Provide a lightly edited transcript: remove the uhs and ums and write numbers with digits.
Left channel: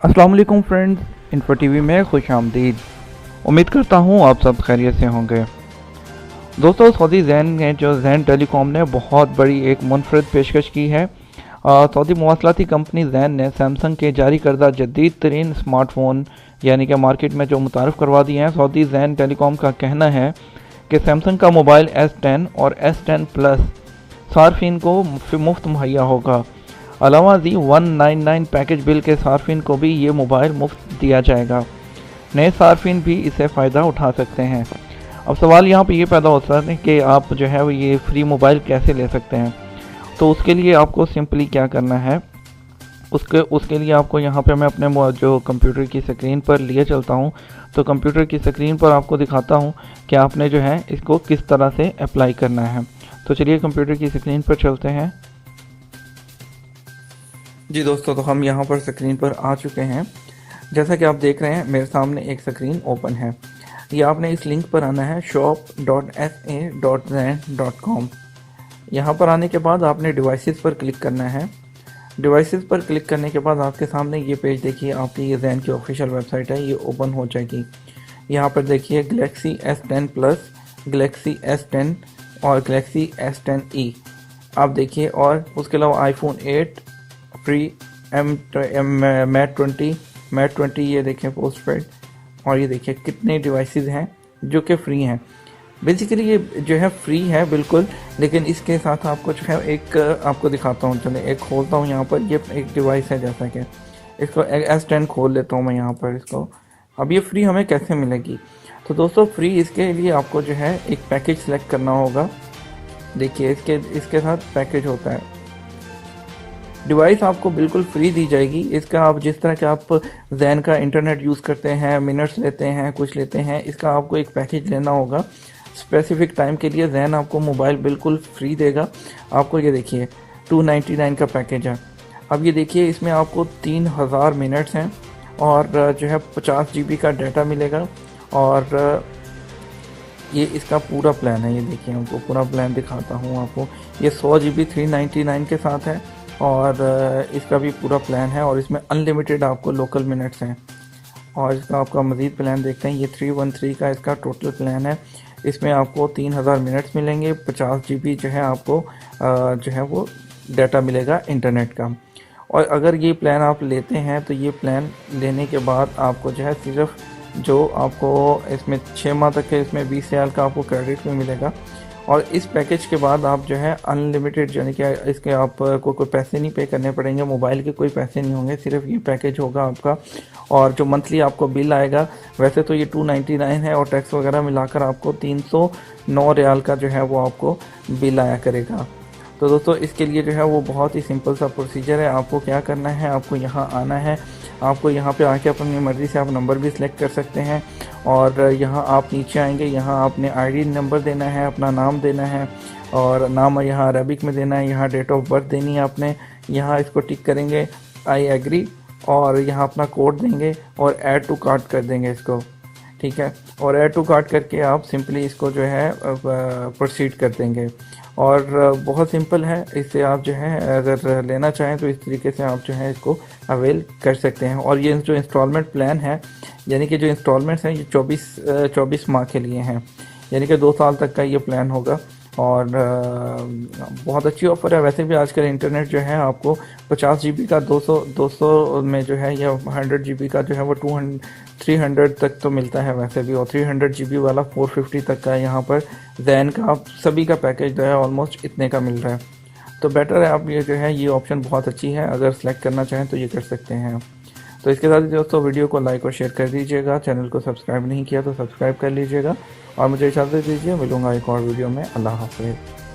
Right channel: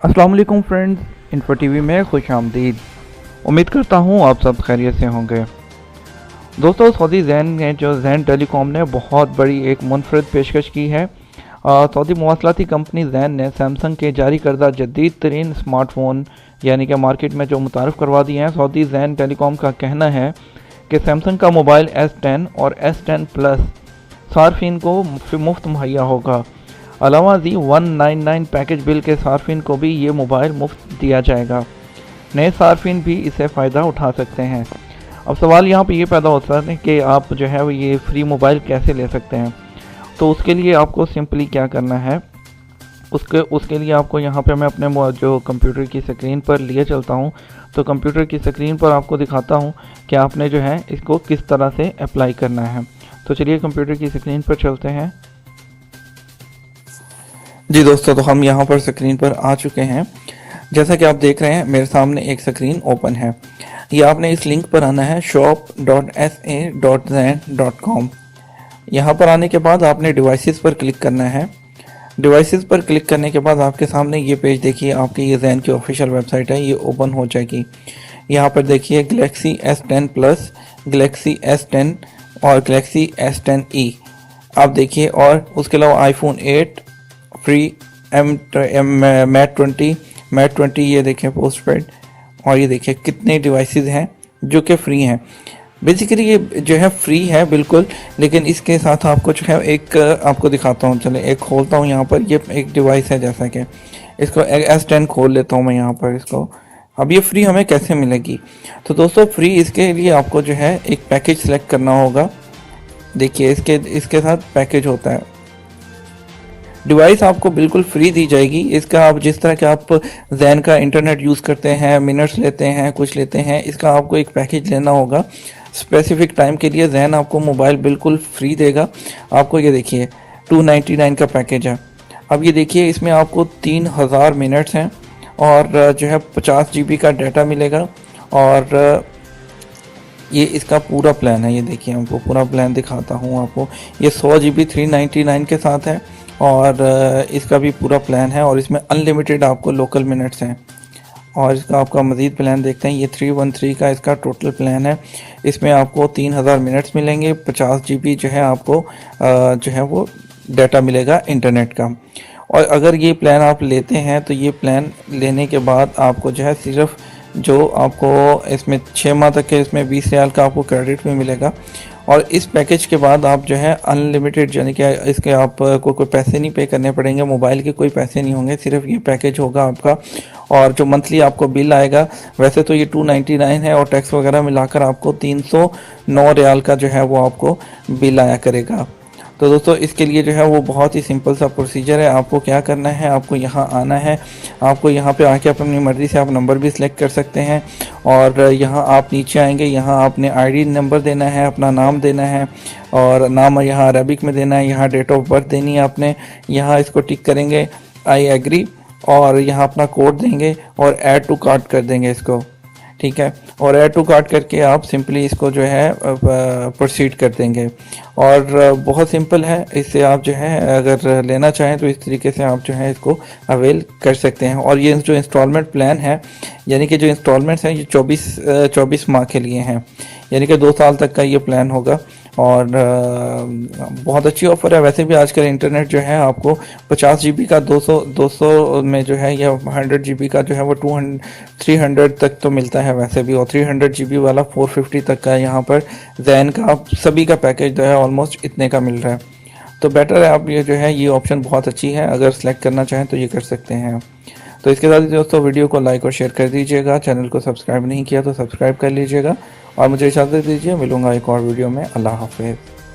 अस्सलाम वालेकुम friends, info TV में खुश आमदीद। उम्मीद करता हूँ आप सब खैरियत से होंगे। दोस्तों, सऊदी जैन ने जो जैन टेलीकॉम ने बहुत बड़ी एक मुनफरद पेशकश की है। सऊदी मवासलाती कंपनी जैन ने सैमसंग के जारी करदा जदीद तरीन स्मार्टफोन यानी कि मार्केट में जो मुतारफ़ करवा दिए हैं। सऊदी जैन टेलीकॉम का कहना है कि सैमसंग का मोबाइल S10 और S10 प्लस सार्फिन को मुफ्त मुहैया होगा। अलावा जी 199 पैकेज बिल के सार्फिन को भी ये मोबाइल मुफ्त दिया जाएगा। नए सार्फिन भी इससे फ़ायदा उठा सकते हैं। अब सवाल यहाँ पे ये पैदा होता है कि आप जो है वो ये फ्री मोबाइल कैसे ले सकते हैं। तो उसके लिए आपको सिंपली क्या करना है, उसके लिए आपको यहाँ पे मैं अपने जो कंप्यूटर की स्क्रीन पर लिए चलता हूँ। तो कंप्यूटर की स्क्रीन पर आपको दिखाता हूँ कि आपने जो है इसको किस तरह से अप्लाई करना है। तो चलिए कंप्यूटर की स्क्रीन पर चलते हैं। जी दोस्तों, तो हम यहाँ पर स्क्रीन पर आ चुके हैं। जैसा कि आप देख रहे हैं मेरे सामने एक स्क्रीन ओपन है। ये आपने इस लिंक पर आना है shop.sa.zen.com। यहाँ पर आने के बाद आपने डिवाइसेस पर क्लिक करना है। डिवाइसेस पर क्लिक करने के बाद आपके सामने ये पेज देखिए, आपकी ये जैन की ऑफिशियल वेबसाइट है, ये ओपन हो जाएगी। यहाँ पर देखिए Galaxy S10 plus, Galaxy S10 और गैलेक्सी S10e आप देखिए। और उसके अलावा आईफोन 8 फ्री, मैट 20 ये देखें पोस्ट पेड। और ये देखिए कितने डिवाइसेस हैं जो कि फ्री हैं। बेसिकली ये जो है फ्री है बिल्कुल, लेकिन इसके साथ आपको जो है एक आपको दिखाता हूँ। चले एक खोलता हूँ यहाँ पर। ये एक डिवाइस है, जैसा कि इसको S10 खोल लेता हूँ मैं यहाँ पर इसको। अब ये फ्री हमें कैसे मिलेगी? तो दोस्तों, फ्री इसके लिए आपको जो है एक पैकेज सेलेक्ट करना होगा। देखिए इसके साथ पैकेज होता है। डिवाइस आपको बिल्कुल फ्री दी जाएगी। इसका आप जिस तरह के आप जैन का इंटरनेट यूज़ करते हैं, मिनट्स लेते हैं, कुछ लेते हैं, इसका आपको एक पैकेज लेना होगा स्पेसिफिक टाइम के लिए। जैन आपको मोबाइल बिल्कुल फ्री देगा आपको। ये देखिए 299 का पैकेज है। अब ये देखिए इसमें आपको 3000 मिनट्स हैं और जो है 50 GB का डाटा मिलेगा। और ये इसका पूरा प्लान है। ये देखिए आपको पूरा प्लान दिखाता हूँ आपको। ये 100 GB 399 के साथ है और इसका भी पूरा प्लान है। और इसमें अनलिमिटेड आपको लोकल मिनट्स हैं। और इसका आपका मज़ीद प्लान देखते हैं। ये 313 का इसका टोटल प्लान है। इसमें आपको 3000 मिनट्स मिलेंगे, 50 GB जो है आपको जो है वो डाटा मिलेगा इंटरनेट का। और अगर ये प्लान आप लेते हैं तो ये प्लान लेने के बाद आपको जो है सिर्फ जो आपको इसमें 6 माह तक के इसमें 20 रियाल का आपको क्रेडिट भी मिलेगा। और इस पैकेज के बाद आप जो है अनलिमिटेड, यानी कि इसके आप को कोई पैसे नहीं पे करने पड़ेंगे, मोबाइल के कोई पैसे नहीं होंगे, सिर्फ ये पैकेज होगा आपका। और जो मंथली आपको बिल आएगा, वैसे तो ये 299 है और टैक्स वगैरह मिलाकर आपको 309 रियाल का जो है वो आपको बिल आया करेगा। तो दोस्तों, इसके लिए जो है वो बहुत ही सिंपल सा प्रोसीजर है। आपको क्या करना है, आपको यहाँ आना है। आपको यहाँ पे आके अपनी मर्ज़ी से आप नंबर भी सिलेक्ट कर सकते हैं। और यहाँ आप नीचे आएंगे, यहाँ आपने आईडी नंबर देना है, अपना नाम देना है और नाम यहाँ अरबिक में देना है। यहाँ डेट ऑफ बर्थ देनी है आपने। यहाँ इसको टिक करेंगे आई एग्री और यहाँ अपना कोड देंगे और ऐड टू कार्ट कर देंगे इसको, ठीक है। और ऐड टू कार्ट करके आप सिंपली इसको जो है प्रोसीड कर देंगे। और बहुत सिंपल है। इससे आप जो है अगर लेना चाहें तो इस तरीके से आप जो है इसको अवेल कर सकते हैं। और ये जो इंस्टॉलमेंट प्लान है, यानी कि जो इंस्टॉलमेंट्स हैं, ये 24 माह के लिए हैं, यानी कि 2 साल तक का ये प्लान होगा। और बहुत अच्छी ऑफ़र है। वैसे भी आजकल इंटरनेट जो है आपको 50 GB का 200 में जो है, या 100 GB का जो है वो 300 तक तो मिलता है वैसे भी। और 300 GB वाला 450 तक का यहाँ पर जैन का सभी का पैकेज जो है ऑलमोस्ट इतने का मिल रहा है। तो बेटर है आप ये जो है, ये ऑप्शन बहुत अच्छी है। अगर सेलेक्ट करना चाहें तो ये कर सकते हैं। तो इसके साथ ही दोस्तों, वीडियो को लाइक और शेयर कर दीजिएगा। चैनल को सब्सक्राइब नहीं किया तो सब्सक्राइब कर लीजिएगा। और मुझे इजाज़त दीजिए, मिलूंगा एक और वीडियो में। अल्लाह हाफ़िज़।